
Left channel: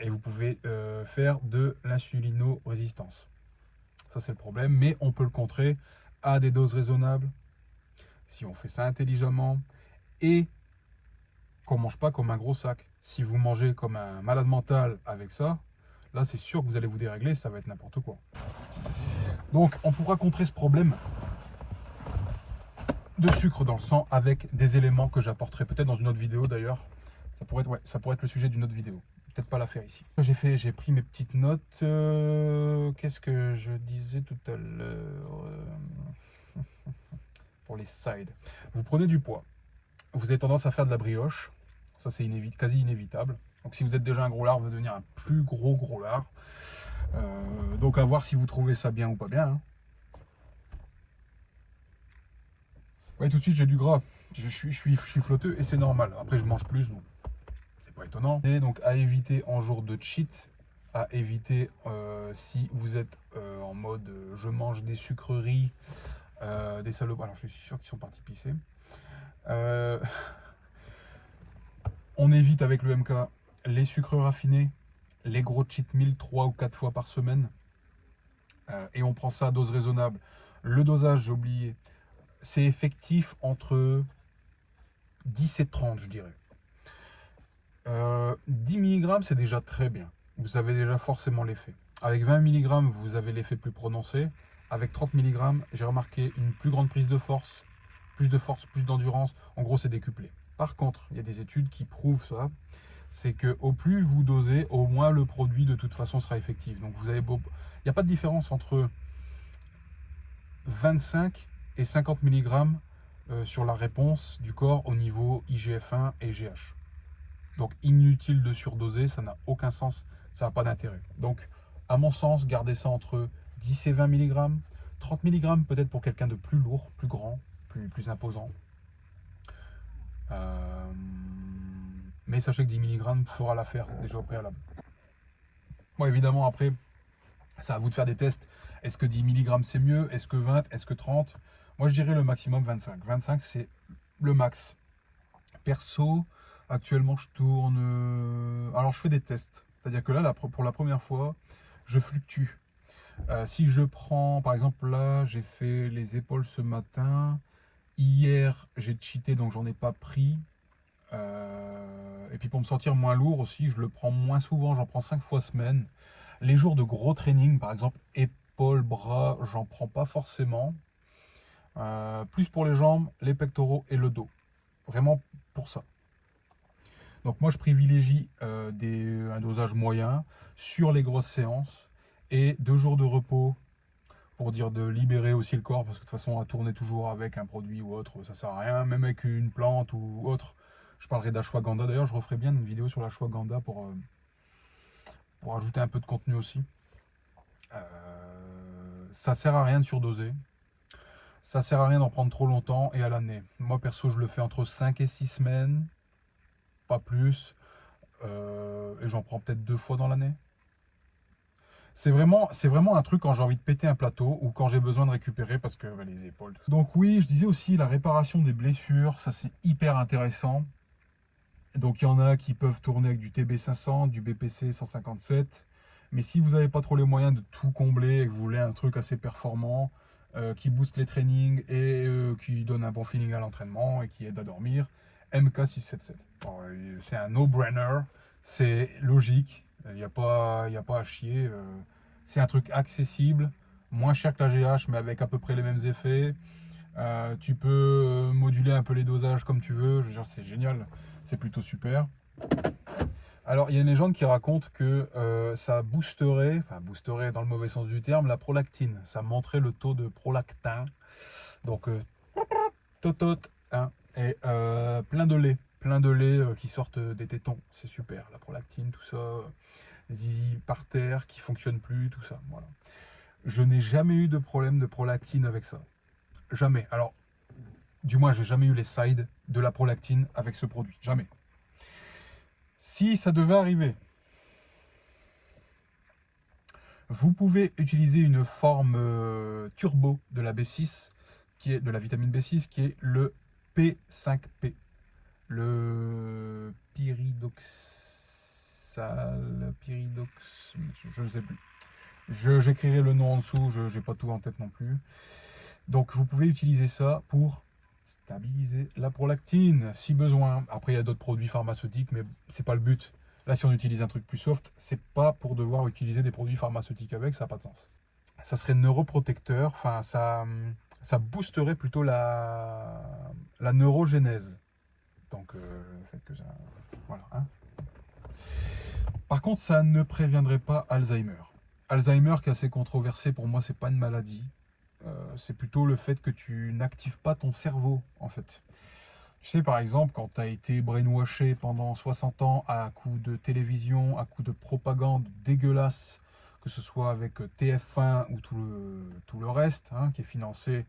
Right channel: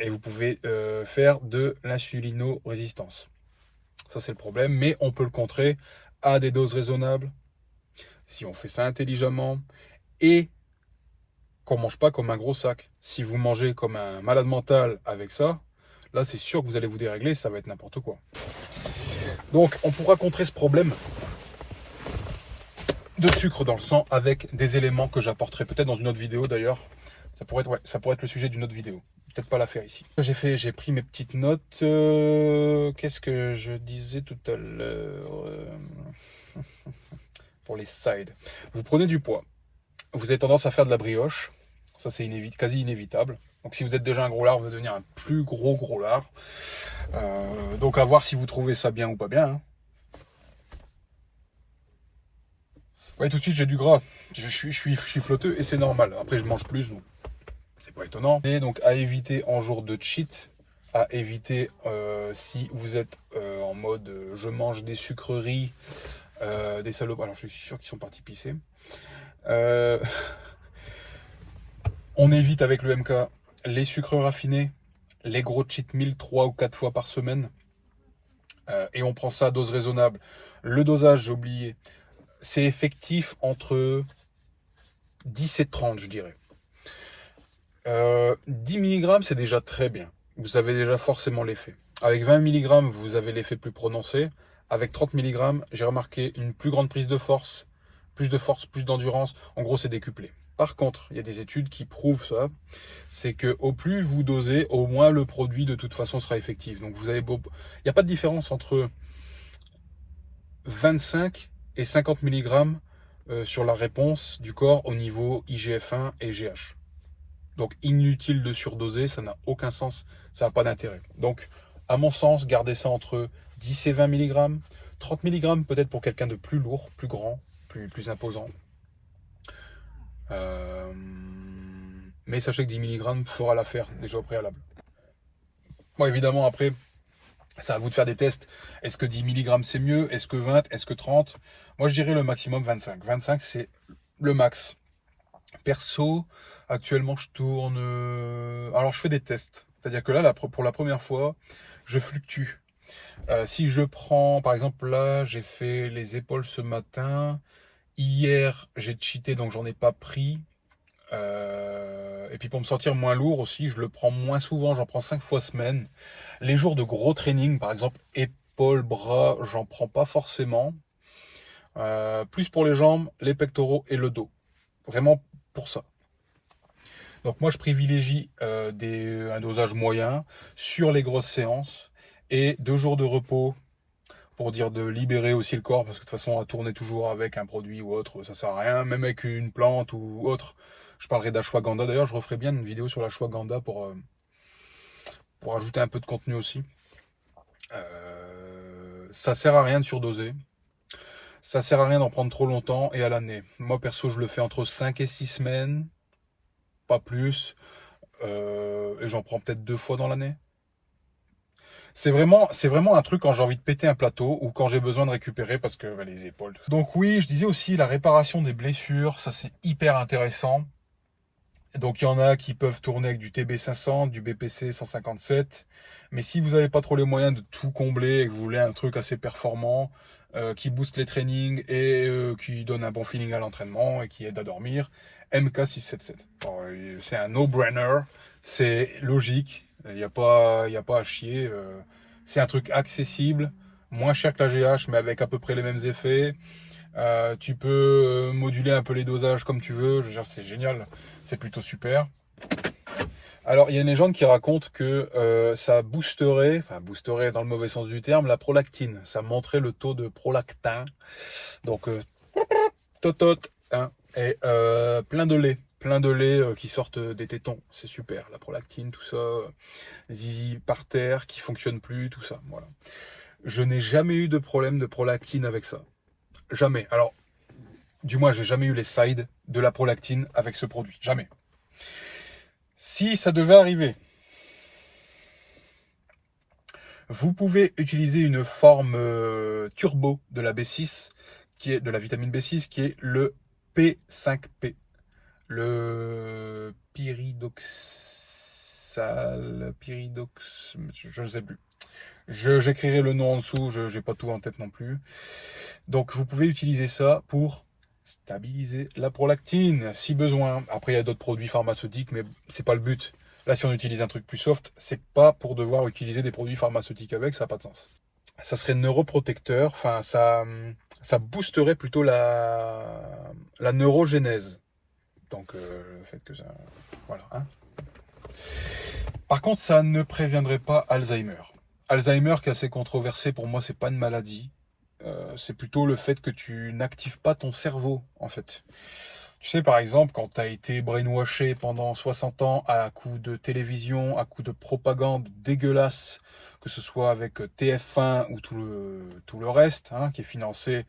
et vous pouvez faire de l'insulino-résistance. Ça c'est le problème, mais on peut le contrer à des doses raisonnables, si on fait ça intelligemment et qu'on ne mange pas comme un gros sac. Si vous mangez comme un malade mental avec ça, là c'est sûr que vous allez vous dérégler, ça va être n'importe quoi. Donc on pourra contrer ce problème de sucre dans le sang avec des éléments que j'apporterai peut-être dans une autre vidéo d'ailleurs. Ça pourrait être le sujet d'une autre vidéo. Peut-être pas la faire ici. J'ai pris mes petites notes. Qu'est-ce que je disais tout à l'heure pour les sides. Vous prenez du poids. Vous avez tendance à faire de la brioche. Ça c'est quasi inévitable. Donc si vous êtes déjà un gros lard, vous allez devenir un plus gros lard. Donc à voir si vous trouvez ça bien ou pas bien. Hein. Ouais, tout de suite j'ai du gras. Je suis flotteux et c'est normal. Après je mange plus, donc c'est pas étonnant. Et donc à éviter en jour de cheat, à éviter si vous êtes en mode je mange des sucreries, des salopes. Alors je suis sûr qu'ils sont partis pisser. On évite avec le MK les sucres raffinés, les gros cheat meals 3 ou 4 fois par semaine. Et on prend ça à dose raisonnable. Le dosage, j'ai oublié, c'est effectif entre 10 et 30, je dirais. 10 mg, c'est déjà très bien. Vous avez déjà forcément l'effet. Avec 20 mg, vous avez l'effet plus prononcé. Avec 30 mg, j'ai remarqué une plus grande prise de force, plus d'endurance. En gros, c'est décuplé. Par contre, il y a des études qui prouvent ça. C'est que au plus vous dosez, au moins le produit de toute façon sera effectif. Donc il n'y a pas de différence entre 25 et 50 mg sur la réponse du corps au niveau IGF-1 et GH. Donc inutile de surdoser, ça n'a aucun sens, ça n'a pas d'intérêt. Donc à mon sens, gardez ça entre 10 et 20 mg, 30 mg peut-être pour quelqu'un de plus lourd, plus grand, plus imposant. Mais sachez que 10 mg fera l'affaire déjà au préalable. Bon, évidemment, après, c'est à vous de faire des tests. Est-ce que 10 mg c'est mieux? Est-ce que 20? Est-ce que 30? Moi, je dirais le maximum 25. 25, c'est le max. Perso, actuellement, je tourne... Alors, je fais des tests. C'est-à-dire que là, pour la première fois, je fluctue. Si je prends, par exemple, là, j'ai fait les épaules ce matin. Hier, j'ai cheaté, donc j'en ai pas pris. Et puis pour me sentir moins lourd aussi, je le prends moins souvent, j'en prends 5 fois semaine. Les jours de gros training, par exemple, épaules, bras, j'en prends pas forcément. Plus pour les jambes, les pectoraux et le dos. Vraiment pour ça. Donc moi, je privilégie un dosage moyen sur les grosses séances et 2 jours de repos pour dire de libérer aussi le corps, parce que de toute façon, à tourner toujours avec un produit ou autre, ça sert à rien, même avec une plante ou autre. Je parlerai d'ashwagandha. D'ailleurs, je referai bien une vidéo sur l'ashwagandha pour ajouter un peu de contenu aussi. Ça sert à rien de surdoser. Ça sert à rien d'en prendre trop longtemps et à l'année. Moi, perso, je le fais entre 5 et 6 semaines, pas plus. Et j'en prends peut-être 2 fois dans l'année. C'est vraiment un truc quand j'ai envie de péter un plateau ou quand j'ai besoin de récupérer parce que bah, les épaules. Donc oui, je disais aussi la réparation des blessures, ça c'est hyper intéressant. Donc il y en a qui peuvent tourner avec du TB500, du BPC 157. Mais si vous n'avez pas trop les moyens de tout combler et que vous voulez un truc assez performant, qui booste les trainings et qui donne un bon feeling à l'entraînement et qui aide à dormir, MK677. C'est un no-brainer, c'est logique, il n'y a pas à chier. C'est un truc accessible, moins cher que la GH, mais avec à peu près les mêmes effets. Tu peux moduler un peu les dosages comme tu veux. Je veux dire, c'est génial, c'est plutôt super. Alors, il y a une légende qui raconte que ça boosterait dans le mauvais sens du terme, la prolactine. Ça montrait le taux de prolactin. Donc, totot, hein, et plein de lait qui sortent des tétons. C'est super, la prolactine, tout ça. Zizi par terre, qui fonctionne plus, tout ça. Voilà. Je n'ai jamais eu de problème de prolactine avec ça. Jamais. Alors, du moins, j'ai jamais eu les sides de la prolactine avec ce produit. Jamais. Si ça devait arriver, vous pouvez utiliser une forme turbo de la B6, qui est de la vitamine B6, qui est le P5P, le pyridox, je ne sais plus. J'écrirai le nom en dessous, je n'ai pas tout en tête non plus. Donc vous pouvez utiliser ça pour stabiliser la prolactine si besoin. Après il y a d'autres produits pharmaceutiques, mais c'est pas le but. Là, si on utilise un truc plus soft, c'est pas pour devoir utiliser des produits pharmaceutiques avec, ça n'a pas de sens. Ça serait neuroprotecteur, enfin ça boosterait plutôt la neurogénèse. Donc le fait que ça. Voilà. Hein. Par contre, ça ne préviendrait pas Alzheimer. Alzheimer, qui est assez controversé, pour moi, c'est pas une maladie. C'est plutôt le fait que tu n'actives pas ton cerveau, en fait. Tu sais, par exemple, quand tu as été brainwashé pendant 60 ans à coups de télévision, à coups de propagande dégueulasse, que ce soit avec TF1 ou tout le reste, hein, qui est financé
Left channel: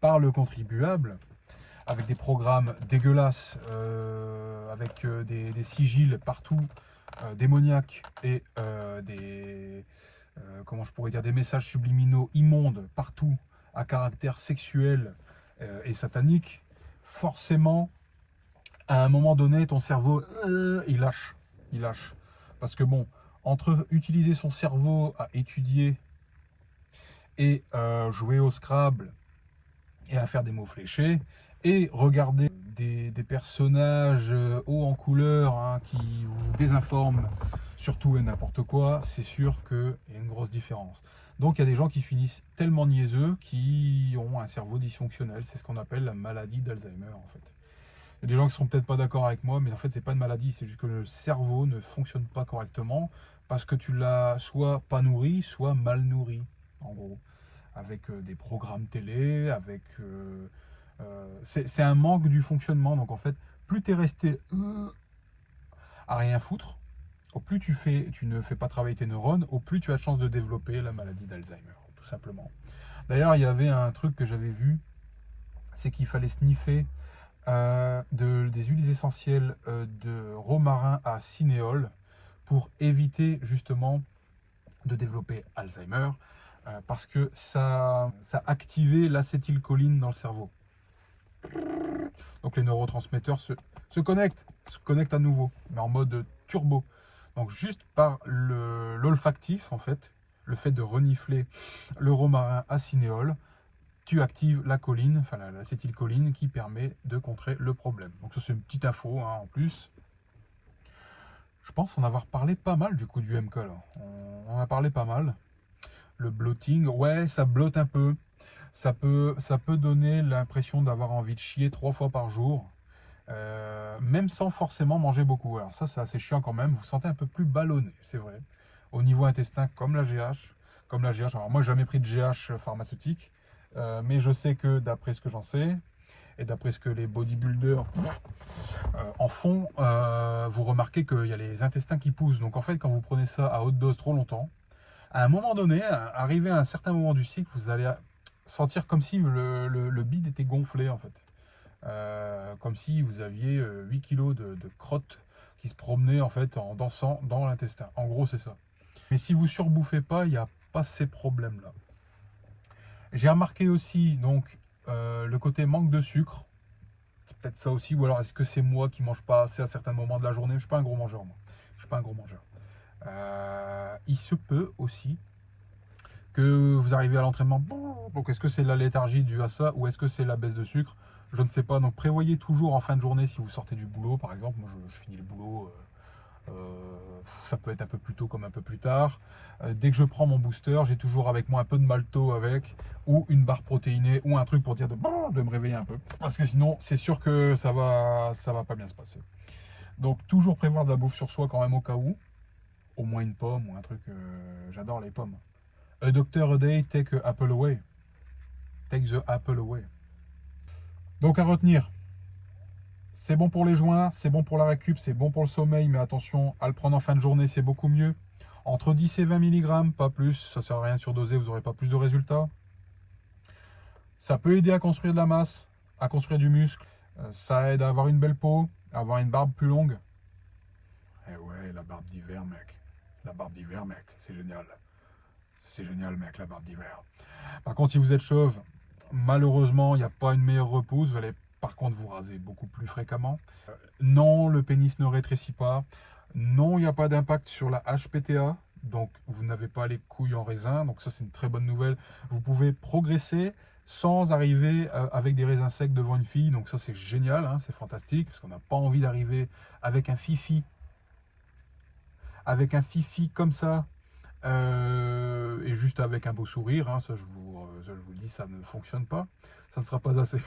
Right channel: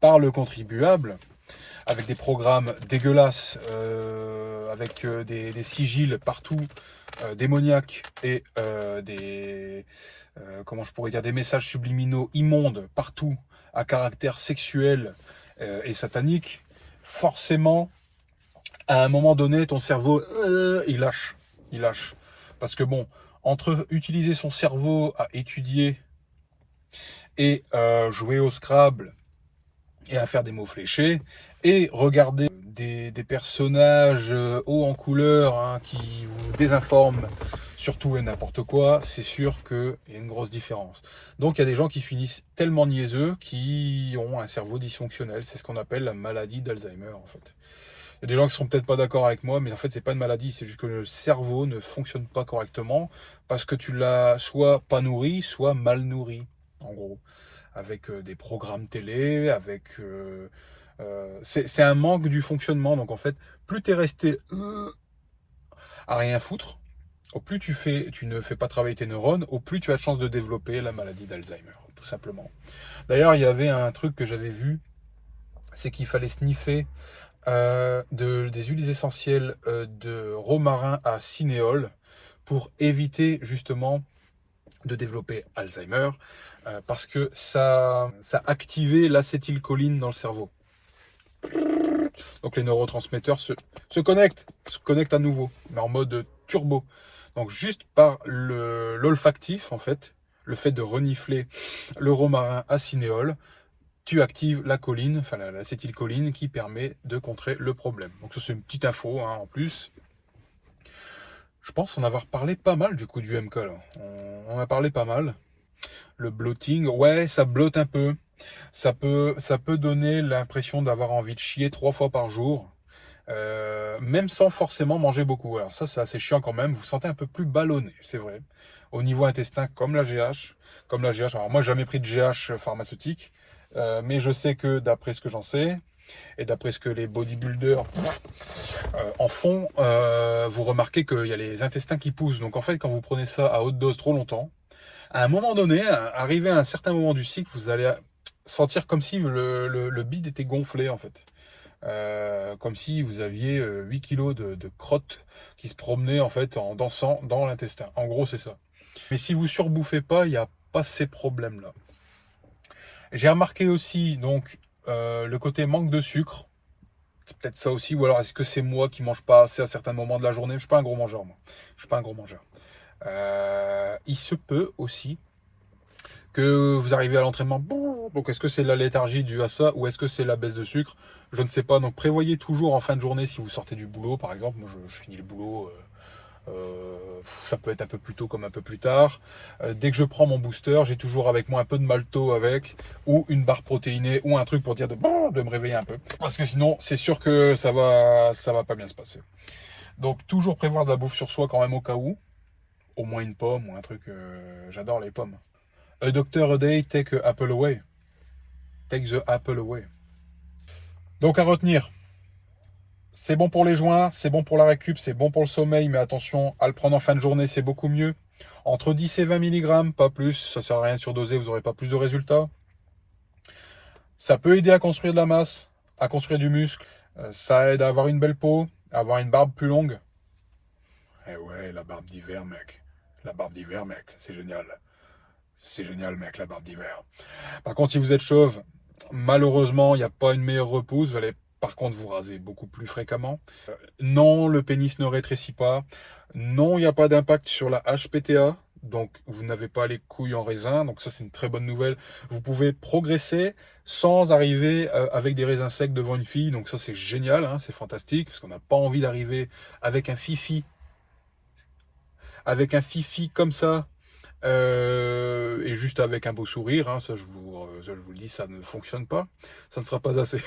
par le contribuable, avec des programmes dégueulasses, avec des sigils partout, démoniaques, et comment je pourrais dire, des messages subliminaux immondes partout, à caractère sexuel et satanique, forcément, à un moment donné, ton cerveau, il lâche. Il lâche. Parce que bon, entre utiliser son cerveau à étudier et jouer au Scrabble et à faire des mots fléchés, et regarder des personnages hauts en couleur hein, qui vous désinforment sur tout et n'importe quoi, c'est sûr qu'il y a une grosse différence. Donc il y a des gens qui finissent tellement niaiseux qui ont un cerveau dysfonctionnel. C'est ce qu'on appelle la maladie d'Alzheimer en fait. Il y a des gens qui ne seront peut-être pas d'accord avec moi, mais en fait c'est pas une maladie, c'est juste que le cerveau ne fonctionne pas correctement parce que tu l'as soit pas nourri, soit mal nourri, en gros. Avec des programmes télé, avec... c'est un manque du fonctionnement. Donc en fait, plus tu es resté à rien foutre, au plus tu ne fais pas travailler tes neurones, au plus tu as de chances de développer la maladie d'Alzheimer, tout simplement. D'ailleurs, il y avait un truc que j'avais vu, c'est qu'il fallait sniffer des huiles essentielles de romarin à cinéole pour éviter justement de développer Alzheimer parce que ça activait l'acétylcholine dans le cerveau. Donc les neurotransmetteurs se connectent à nouveau, mais en mode turbo. Donc juste par l'olfactif, en fait, le fait de renifler le romarin à cinéole, tu actives la choline, enfin l'acétylcholine qui permet de contrer le problème. Donc ça c'est une petite info hein, en plus. Je pense en avoir parlé pas mal du coup du MK là. On en a parlé pas mal. Le bloating, ouais ça blotte un peu. Ça peut donner l'impression d'avoir envie de chier 3 fois par jour. Même sans forcément manger beaucoup. Alors ça c'est assez chiant quand même, vous vous sentez un peu plus ballonné, c'est vrai. Au niveau intestin, comme la GH. Alors moi j'ai jamais pris de GH pharmaceutique, mais je sais que d'après ce que j'en sais, et d'après ce que les bodybuilders en font, vous remarquez qu'il y a les intestins qui poussent. Donc en fait quand vous prenez ça à haute dose trop longtemps, à un moment donné, arrivé à un certain moment du cycle, vous allez sentir comme si le bide était gonflé en fait. Comme si vous aviez 8 kilos de crottes qui se promenaient en fait en dansant dans l'intestin. En gros, c'est ça. Mais si vous surbouffez pas, il n'y a pas ces problèmes-là. J'ai remarqué aussi donc le côté manque de sucre. C'est peut-être ça aussi, ou alors est-ce que c'est moi qui mange pas assez à certains moments de la journée? Je suis pas un gros mangeur, moi. Je suis pas un gros mangeur. Il se peut aussi que vous arrivez à l'entraînement. Donc est-ce que c'est la léthargie due à ça ou est-ce que c'est la baisse de sucre? Je ne sais pas. Donc prévoyez toujours en fin de journée si vous sortez du boulot, par exemple. Moi je finis le boulot, ça peut être un peu plus tôt comme un peu plus tard. Dès que je prends mon booster, j'ai toujours avec moi un peu de malto avec ou une barre protéinée ou un truc pour dire de me réveiller un peu. Parce que sinon c'est sûr que ça va pas bien se passer. Donc toujours prévoir de la bouffe sur soi quand même au cas où. Au moins une pomme ou un truc. J'adore les pommes. A doctor a day, take a apple away. Take the apple away. Donc à retenir, c'est bon pour les joints, c'est bon pour la récup, c'est bon pour le sommeil, mais attention, à le prendre en fin de journée, c'est beaucoup mieux. Entre 10 et 20 mg, pas plus, ça sert à rien de surdoser, vous n'aurez pas plus de résultats. Ça peut aider à construire de la masse, à construire du muscle. Ça aide à avoir une belle peau, à avoir une barbe plus longue. Eh ouais, la barbe d'hiver, mec. La barbe d'hiver, mec, c'est génial. C'est génial, mec, la barbe d'hiver. Par contre, si vous êtes chauve, malheureusement, il n'y a pas une meilleure repousse. Vous allez par contre vous raser beaucoup plus fréquemment. Non, le pénis ne rétrécit pas. Non, il n'y a pas d'impact sur la HPTA. Donc, vous n'avez pas les couilles en raisin. Donc, ça, c'est une très bonne nouvelle. Vous pouvez progresser sans arriver avec des raisins secs devant une fille. Donc, ça, c'est génial. Hein, c'est fantastique. Parce qu'on n'a pas envie d'arriver avec un fifi. Avec un fifi comme ça. Et juste avec un beau sourire, hein, ça, je vous le dis, ça ne fonctionne pas. Ça ne sera pas assez.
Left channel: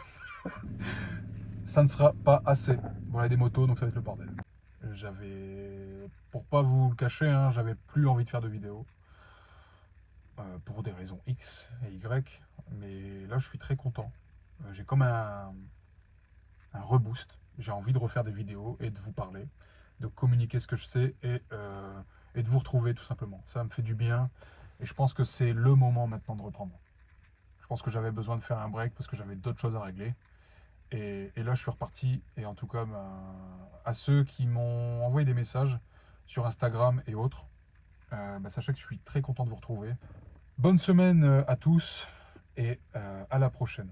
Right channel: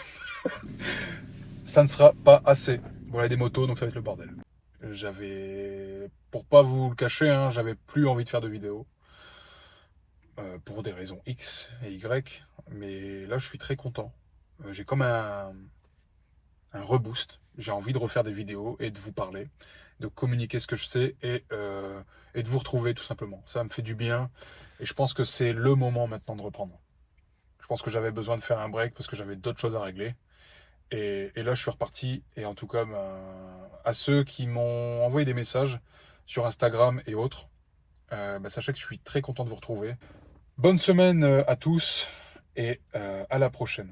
Ça ne sera pas assez. Voilà des motos, donc ça va être le bordel. Pour pas vous le cacher, hein, j'avais plus envie de faire de vidéos. Pour des raisons X et Y. Mais là, je suis très content. J'ai comme un reboost. J'ai envie de refaire des vidéos et de vous parler, de communiquer ce que je sais et de vous retrouver tout simplement. Ça me fait du bien et je pense que c'est le moment maintenant de reprendre. Je pense que j'avais besoin de faire un break parce que j'avais d'autres choses à régler. Et là, je suis reparti. Et en tout cas, à ceux qui m'ont envoyé des messages sur Instagram et autres, sachez que je suis très content de vous retrouver. Bonne semaine à tous et à la prochaine.